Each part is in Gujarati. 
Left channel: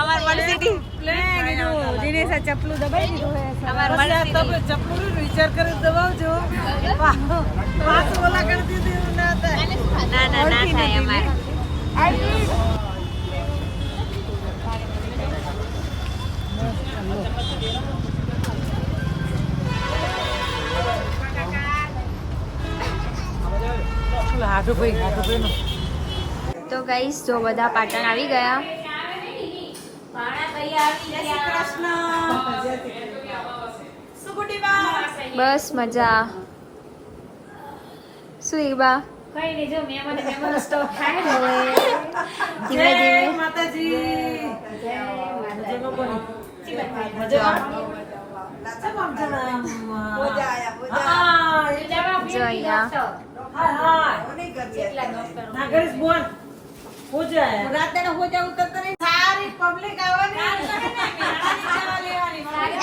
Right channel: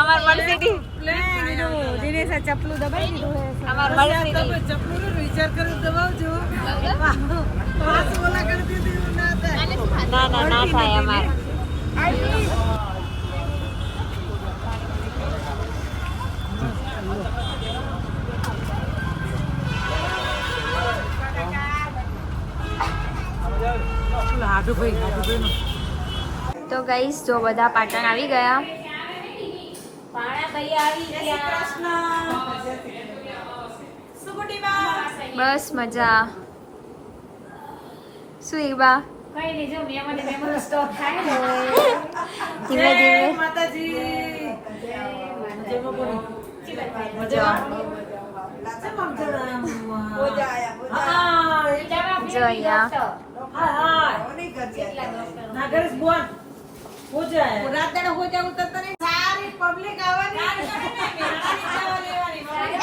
અમાર મનસીથી પ્લેન જો દિનેશા ચપલું દબાઈ દીધું હે અમાર તમે ચપલું નો વિચાર કરી દબાવજો. વાત ઓલા કરી દીધી એવું ના થાય. ના ના ના થાય અમાર. હાડુભાઈ હાડુભાઈ તો ગાઈસ જો બધા પાટણ આવી ગયા. બસ મજા. શું બા? કઈ નહીં જો મેં મને મેમોનો સ્ટોક થાય ને. ધીમે ધીમે. માતાજી. મજામાં કોની? મજા મજા મજામાં. હા, એ જો અહીંયા હા, હા. ના કરીશ બોલ. પૂજા હે. સારી public આવવાની.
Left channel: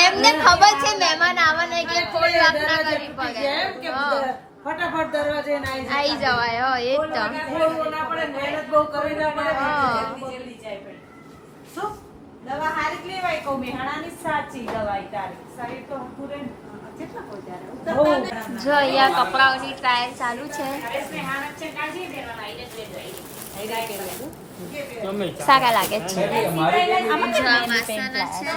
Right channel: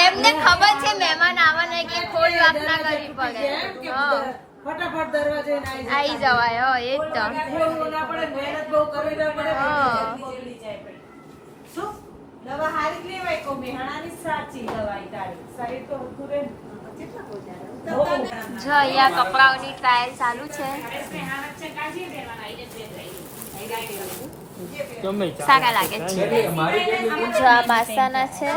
એમને ખબર છે મહેમાન આવવાના એટલે કોઈ વાત ના કરવી જેમ કે પડે. ફટાફટ દરવાજે આવી જાય. જવાય હો એકદમ બોલવું ના પડે મહેનત બહુ કરવી ના પડે હા. શું? દવા હારી જ લેવાય કહું મેહાણાની સાચી દવાઈ તારી શરીર તો હરખું રહે. જો અહીંયા કપડાઓની ટ્રાયલ ચાલુ છે સારા લાગે છે. જો આ માસાના છે.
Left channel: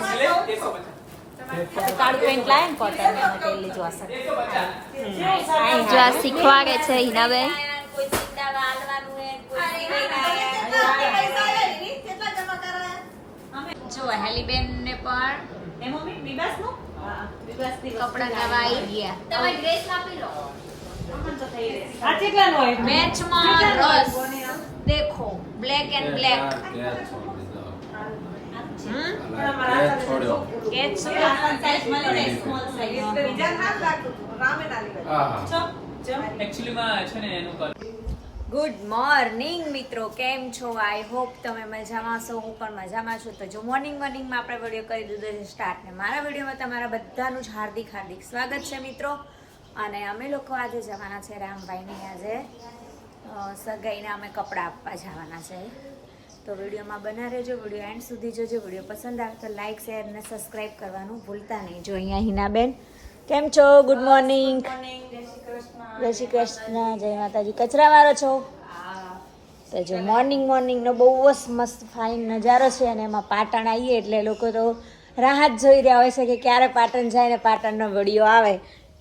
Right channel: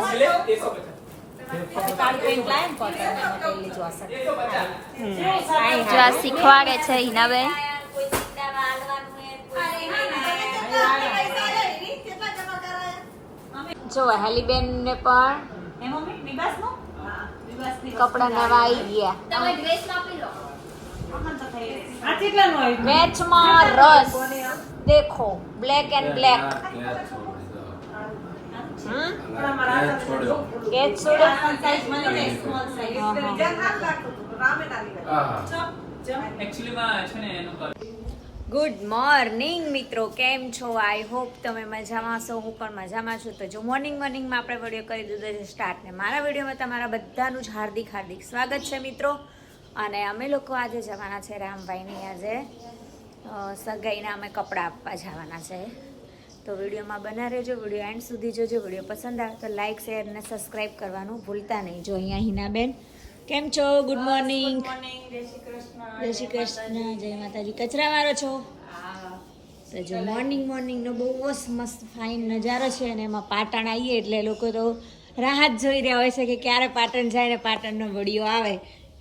જો આ શીખવાડે છે હિનાબેન. જો હેલીબેન ને પણ કપડા નવા આવી ગયા? મેચમાં રસ. દેખો black and black good morning મિત્રો. કેમ છો? આઈ હોપ તમે મજામાં છો હું પણ મજામાં છું. તો જો મોર્નિંગ મોર્નિંગમાં આપણે વીડિયો કરી દીધો છે સ્ટાર્ટ ને. મારા વિડીયોમાં તમારા બધાનું જ હાર્દિક હાર્દિક સ્વાગત છે મિત્રો. અને અમે લોકો આજે જવાના છે રામભાઈની આજે સગાઈના અમે કપડાં આપવા જવાના છે. તો વિડીયોમાં બના રહેજો. વીડિયો એન્ડ સુધી જોજો. વીડિયો પસંદ આવે તો લાઇક શેર અને સબસ્ક્રાઈબ કરવાનું ભૂલતા નહીં. જો અહીંયા હિનાબેન. કેમ છો? ગુડ મોર્નિંગ જય શ્રી કૃષ્ણ. જય માતાજી. કચરા મારો છો? તો જો મોર્નિંગ મોર્નિંગનો બહુ જ મસ્ત ફાઇન નજારો છે અને એમાં પાટણ આવીએ એટલે લોકો તો રાહત જોઈ રહ્યા હોય છે કે ક્યારે પાટણ જાય ને પાટણનો વીડિયો આવે.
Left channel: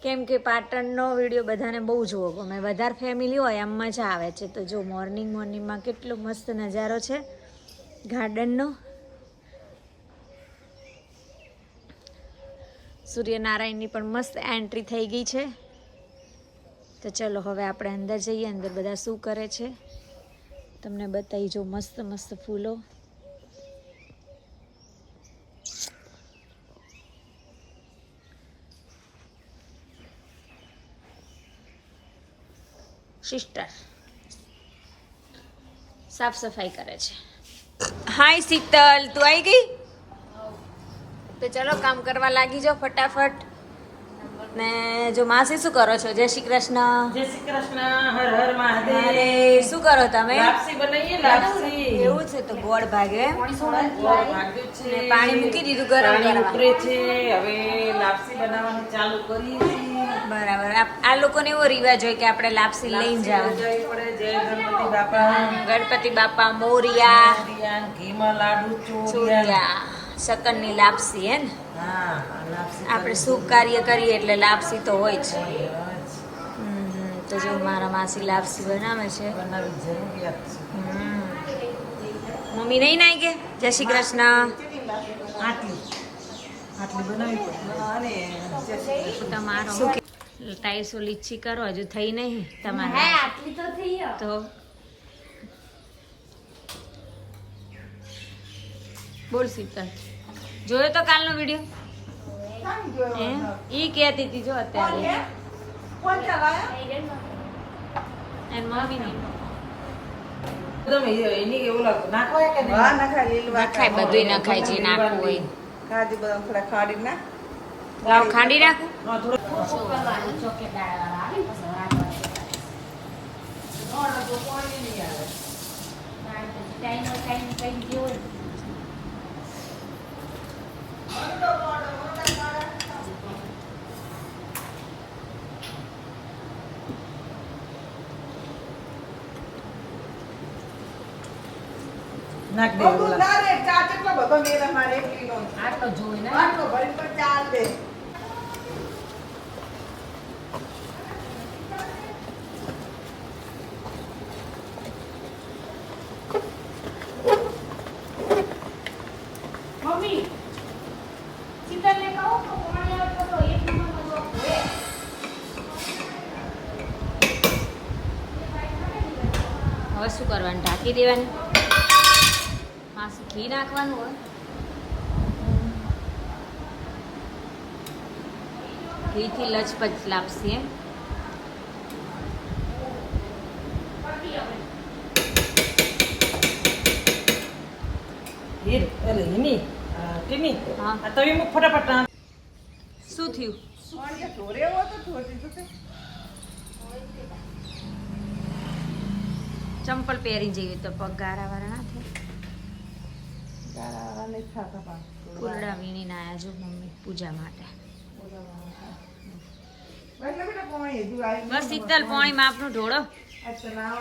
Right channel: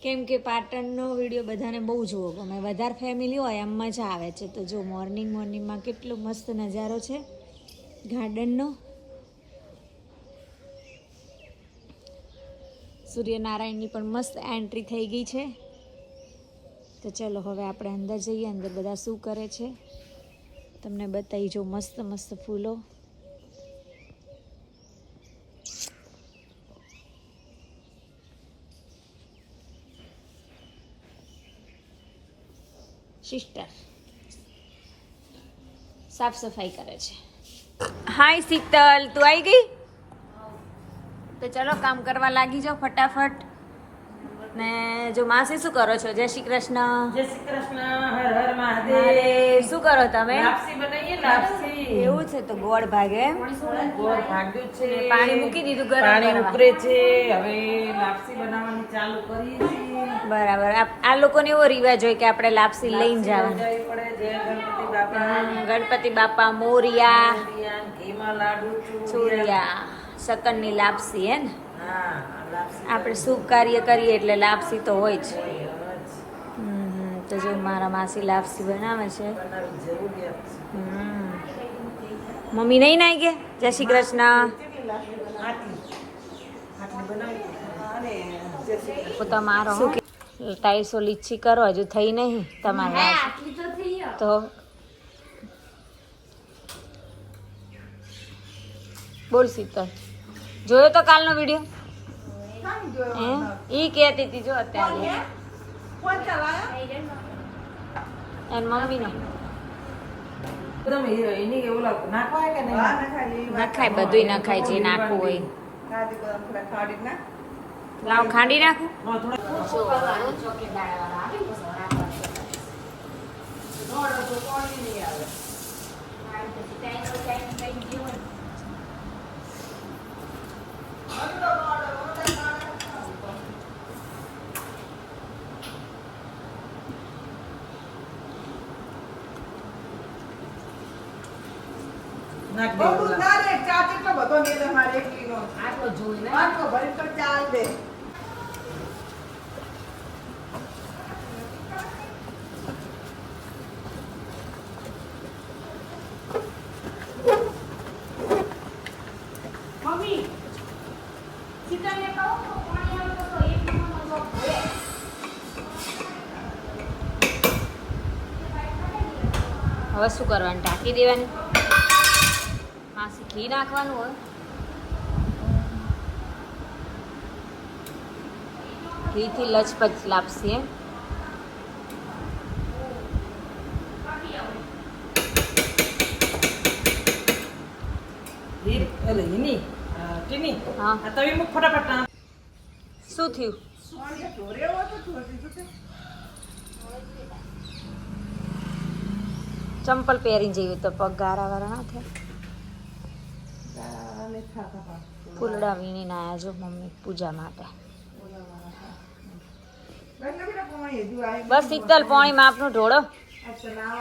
કેમ કે પાટણનો વીડિયો બધાને બહુ જોવો ગમે વધારે ફેમિલી હોય એમ મજા આવે છે. તો જો મોર્નિંગ મોર્નિંગમાં કેટલો મસ્ત નજારો છે. ગાર્ડનનો સૂર્યનારાયણની પણ મસ્ત એન્ટ્રી થઈ ગઈ છે. તો ચલો હવે આપણે અંદર જઈએ. અંદર બધા શું કરે છે? તમને બતાવી જો મસ્ત મસ્ત ફૂલો. સિસ્ટર. સાફ સફાઈ કરે છે. હાય શીતલ તું આવી ગઈ? તો ચલો કામ કરવા લાગી જાઓ ફટાફટ. ને જો માસી શું કરો છો? જય શ્રી કૃષ્ણ. જય શ્રી કૃષ્ણ હર હર મહાદેવ. શું કરો તમે? લાપસી બનાવીએ લાપસી. એવું છે તો ગોળ ભાગે. ગોળ ભાગ્યું છે. પાણી મૂકી દીધું ગરમ કરવા છે. હવે લાપસી બનાવવાનું ચાલુ કરીએ છીએ. બરાબર. આ લોકોને એવો રિવાજ હોય કે આપણે લાપસી લઈને જવાનું. ગણપતિ બાપા. મોરિયા. ચોરિયા. શકનની લાપસી હે ને? આપણે શુભ કાર્ય કરીએ એટલે લાપસી તો હોય જ. તો જો મારા માસી લાપસી બનાવે છે. મમ્મી નહીં નાઈ કે? જય શ્રી કૃષ્ણ. પોતા શું કે ટાઈસો લીચી કરો હજુ થઈ નહીં તમારે. તો બોલ શીતલ જોયો તો કાલનો વીડિયો? ઈ કહેતી હતી જો અત્યારે. એન નહીં? નખાય બધુંય નખાય જે નાખવું હોય. લાવ ખાંડી નાખું? નાખ દે ઓલા. ના રે, ચા કેટલો બધો મેલે મારે એકલીનો. આટલો જોઈ ને આટલો ભરી તો ચાલ દે. મમ્મી ચિકનને કહો તો પાણી આવે તો એક નંબરનો લોક છે. હવે શું ઢાંકી દેવાનું. હા ઘી નાખવાનું હોય. ઘીથી લચપચ લાપશે એમ મૂક શું થયું સોનીએ ઢોરે એવો તો ઢોર દીધું તે. ચંપલ પહેરી જઈએ તો પગ ગારાવાળા ના થાય. ફૂલડા વીણીને આયા જો મમ્મી પૂજા માટે. આવ્યું બસ શીતલ પોણી માપનું ઢોળો. આજ તો જેટલા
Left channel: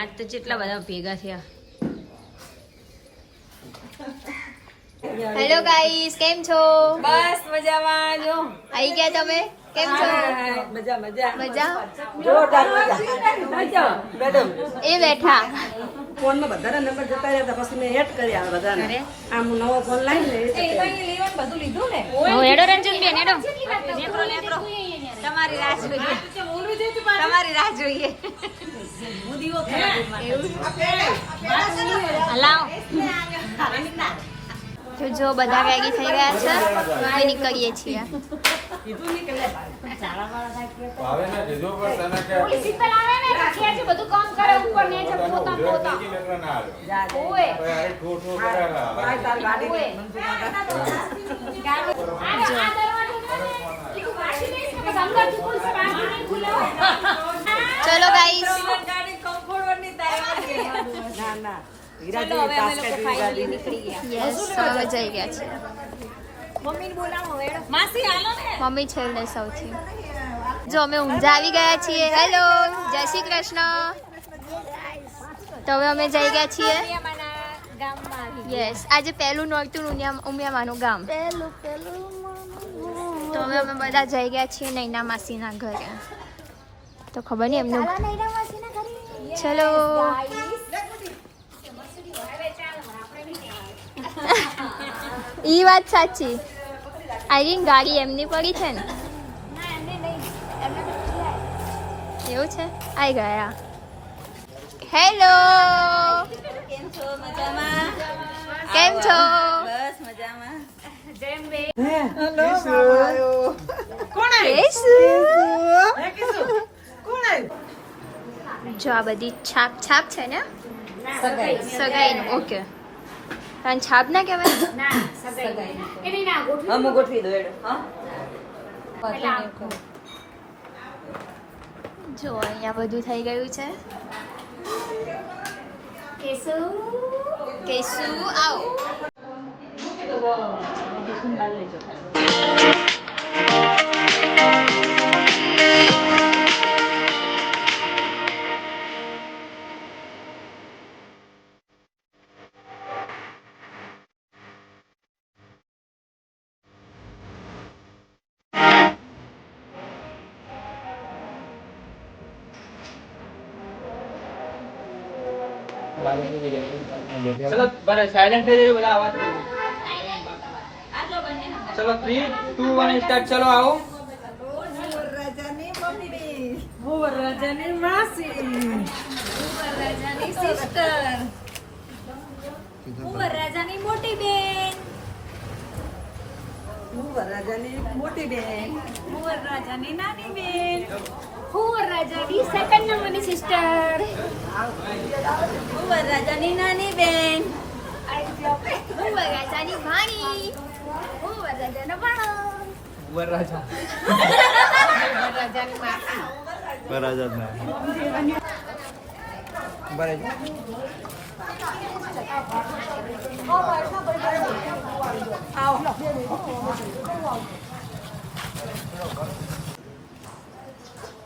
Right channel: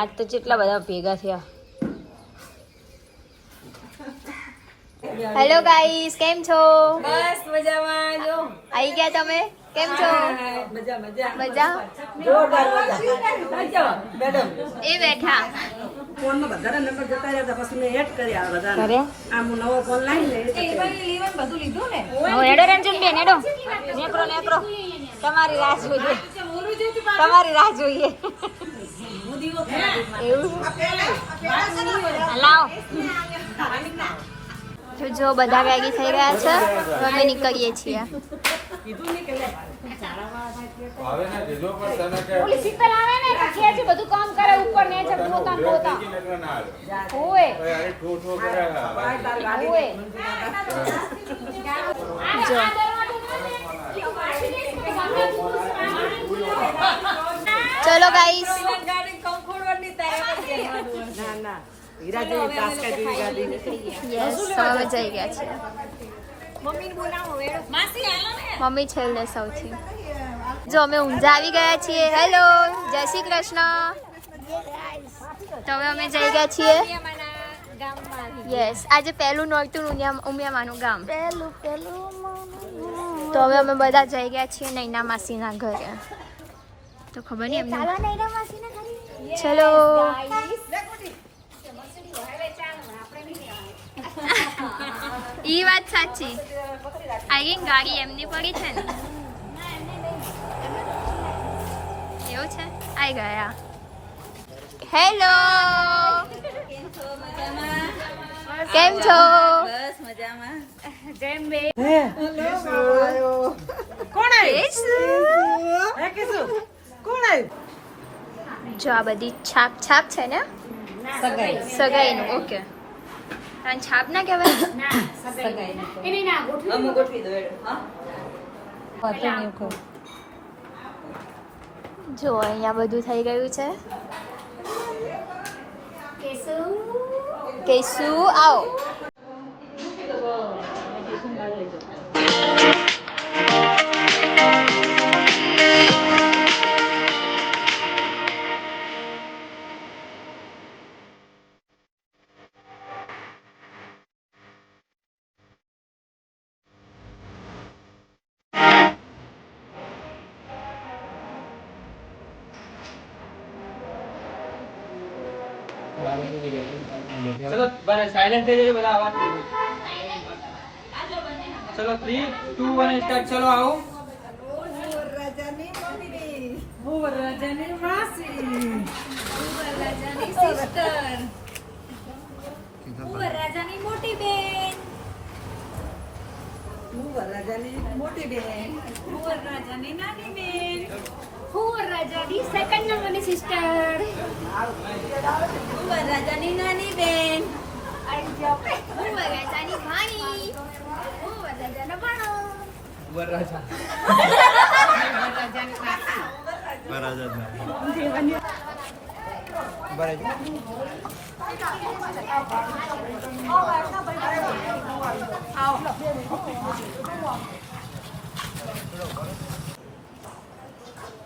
આજ તો કેટલા બધા ભેગા થયા. હેલો ગાઈસ કેમ છો? બસ મજામાં જો. આવી ગયા તમે? કેમ છો મજા મજા મજા જોરદાર મજા મેડમ એ બેઠા ફોનમાં બધાના નંબર જતા રહ્યા હતા પછી મેં એડ કર્યા બધાને કરે આમ હું નવો ફોન લઈ લે બધું લીધું ને હવે એડો રંજન બેન એડો નેકરો નેકરો તમારી રાહ જોઈએ તમારી રાહ જોઈએ એવું લાવો જો બધા રેડી થઈ ગયા છે તો અમે નીકળીએ છીએ ભાવે ને કીધું પણ તને કે પોતાનું ઉધરસ થઈ ગઈ ને એટલે ના આવ્યો. ભાઈ અરે ઠો ઠો કરે આ તારી ગાડી ચલો ગાઈસ ના ના હીરા જેવી તાસ્કા જેવી ગાડી યસ અમે જઈ ગયા છીએ મમ્મી છેલ્લે સૌથી. જો અમે ઊંઝા આવી ગયા છીએ. હેલો જય શ્રી કૃષ્ણ. તો હવે અમે જઈ ગયા છીએ. યસ આજે પહેલું નોરતું ઉમિયા ઉમિયામાનું ગામ. પહેલું પહેલું તો હવે અમે બધા જઈ ગયા છીએ નૈના માસીના ઘરે. તો ખબર નહીં એમનું ચલો ઈ વાત સાચી. આઈ ગાડી એમની પડી છે ને. એવું છે? આઈ ગયા. હેલો કેમ છો? કેસુ? જો આ બધી છાપ છાપ છે ને? સગાઈનું ઓકે. તાન છાપ ના કહેવાય અમુક ગોઠવી દો. એડ હા? જો અહીંયા બધું થઈ ગયું છે. કેસુ? આવો. ચલો બને સાયલેન્ટ થઈ જજો બધા અવાજ ચલો 3 2 1 સ્ટાર્ટ ચલો આવો વરરાજાની મમ્મી. હું વરરાજાની માસી. રાજાની સિસ્ટર રાજાની મોટી બેન હું વરરાજાની મોટી બેન રાજાની નાની બેન હું રાજાની સેકન્ડ નંબરની સિસ્ટર હું રાજાની નાની બેન હું રાજાની ભાણી હું રાજાનો ભાણો વરરાજા બરાબર જ ના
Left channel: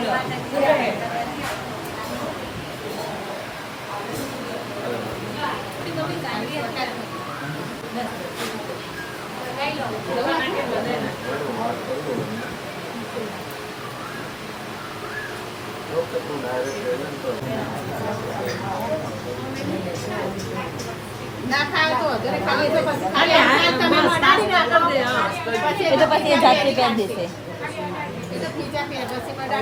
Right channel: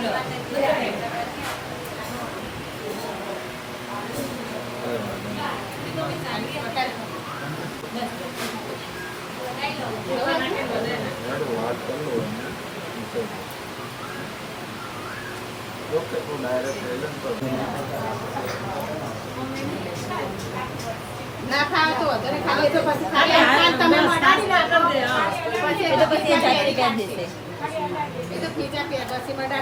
ના ખાવ તો ઘરે ખાવ હોય તો પછી ખાલી હાથ તમે મડાડી નાખો પછી એ તો પછી એ જાતે પહેરી દેશે એ તો ખીચા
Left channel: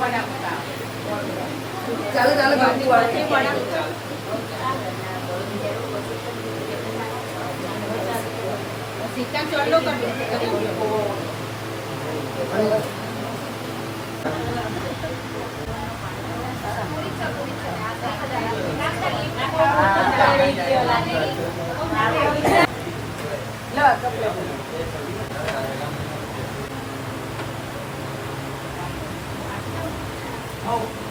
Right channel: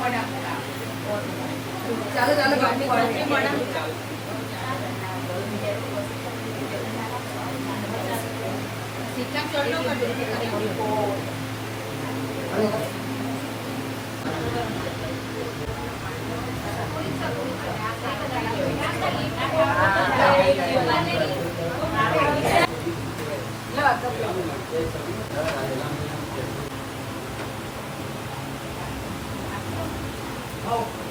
પહેર પછી મડાડી નાખો અહીંયા નજર આપો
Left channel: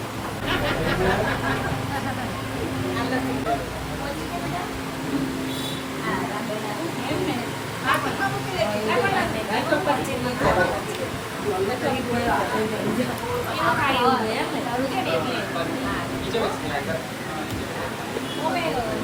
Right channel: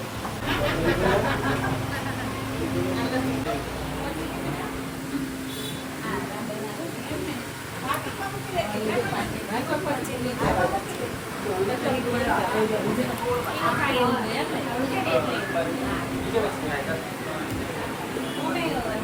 હાથ લઈ લો આટલી અહીંયા નજર ઓકે ઓકે ચાલો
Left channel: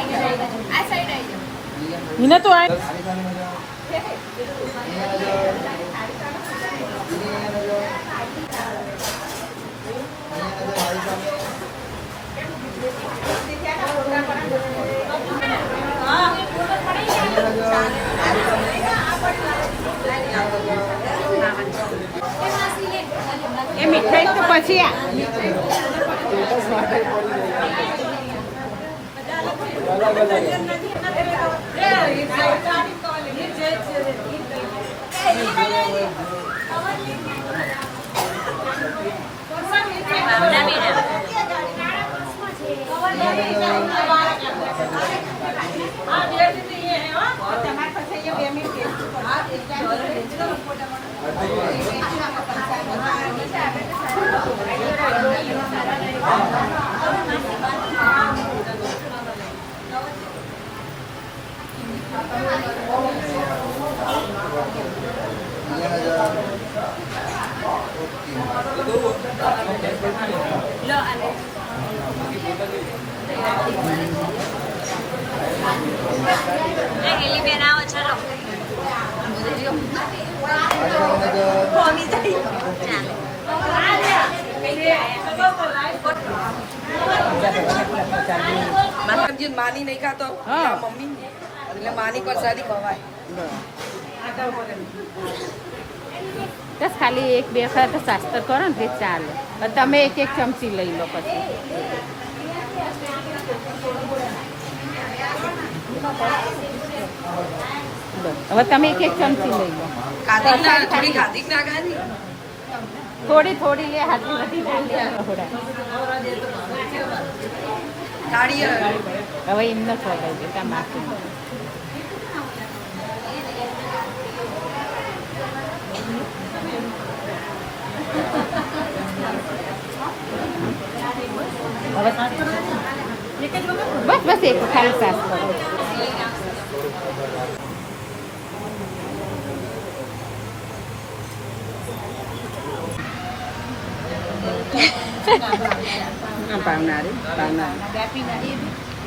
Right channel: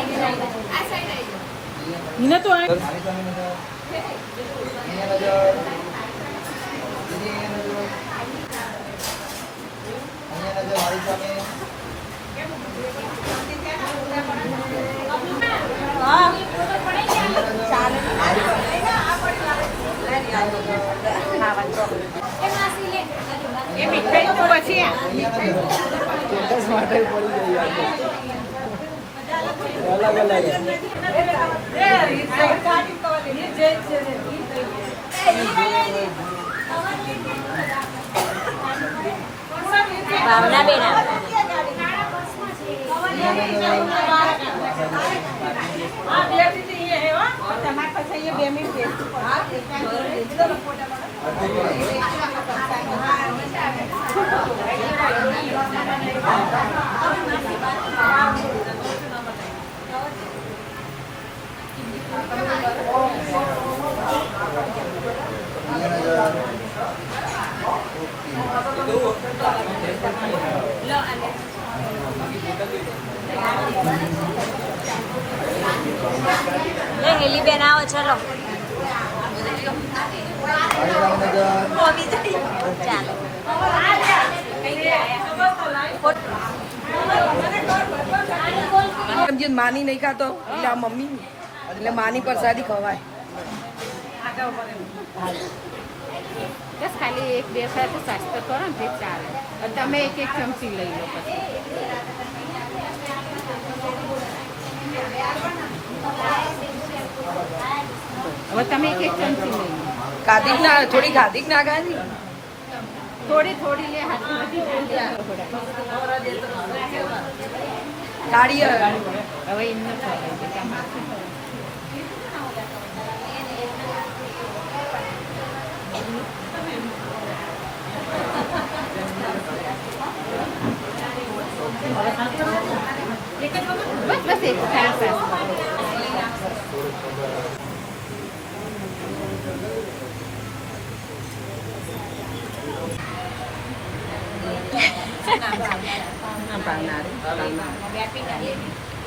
ચાલો નજર આની સામે એ મીઠાઈ તો પછી આ. ભાવના બેના Thank you. એ હેલી બેન આવો ચલો ચાલે જે માની નહીં ખાતો મમ્મી એટલે માની પ્રસાદી ખવાય. બસ ખાલી એક બે વખત શાસ્ત્ર કરો ને તે ચાલે. અને તમે એક એક ચમચી લઈ લો પછી. હવે તમે એક એક ચમચી લઈ લો. થોડી ખાધી થોડી થોડી લે હાથી આવે. હવે એમને દે તમારે બસ બસ એક ખાલી સાસ કરો આ ભાવનારી ભાવનારી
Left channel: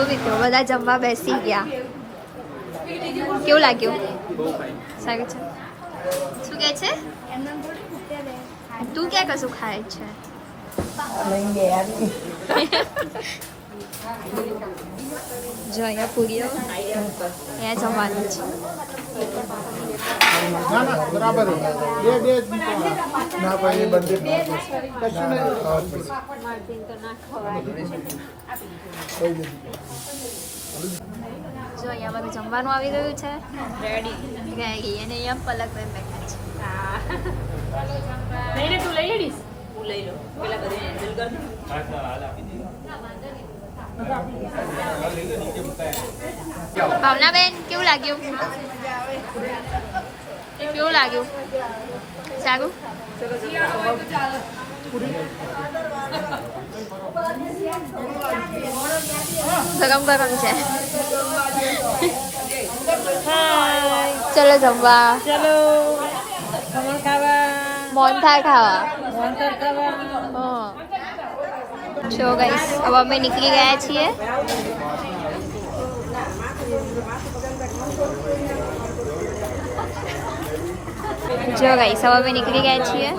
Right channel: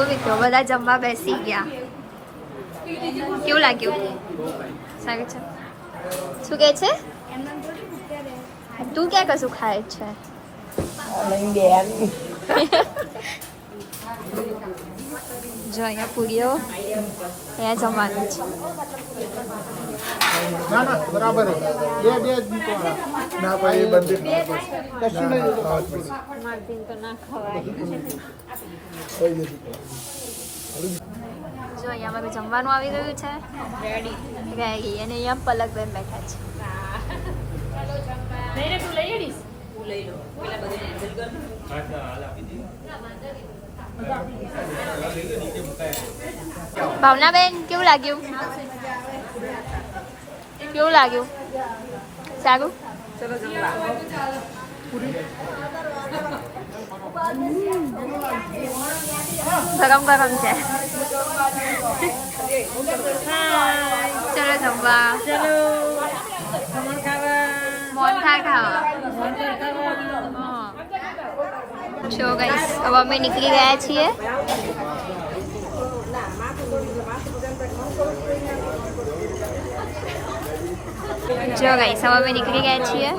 જો મિત્રો બધા જમવા બેસી ગયા. કેવું લાગ્યું? સારું છે. શું કે છે? તું ક્યાં કશું ખાય છે? જો અહીંયા પૂરીઓ અહીંયા જમવાનું છે. ના ના બરાબર બે બે ના ભાઈ એ ના ના ખાવા જ અહીંયા મારું જમવાનું આવી ગયું છે. રેડી રેડી અને અહીંયા પલકબેન બેઠા છે. ભાવનાબેન કેવું લાગ્યું? કેવું લાગ્યું? સારું? ગરમ ગરમ છે. ચલો જમવા. ચલો. ખમણ ખાવા. મોહનથાળ ખાવા. મોહનથાળ ખાવા. સો ગાઈસ હવે અમે નીકળી ગયા છીએ. જો ગાઈસ હવે અમે નીકળી ગયા છીએ.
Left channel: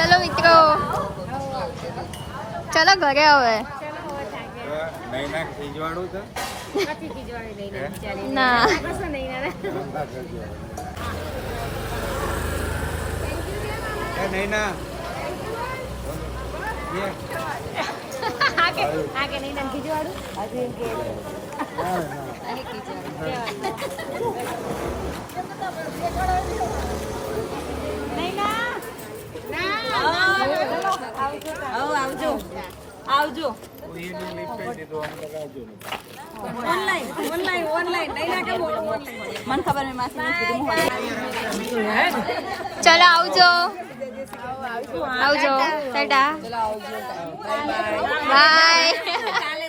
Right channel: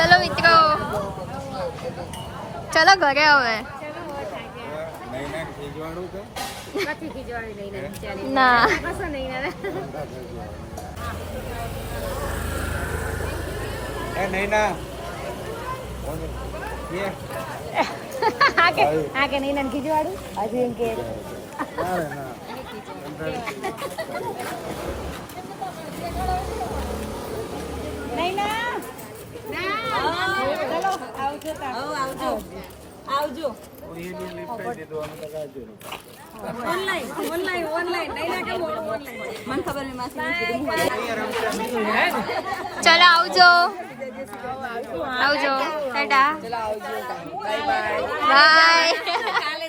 ચલો મિત્રો. ચલો ઘરે હવે. નહીં ના ખીજવાડું છે? ના. એ નહીં ના આવજો. આવજો. ઓનલાઈન આવજો આવજો. Tata bye bye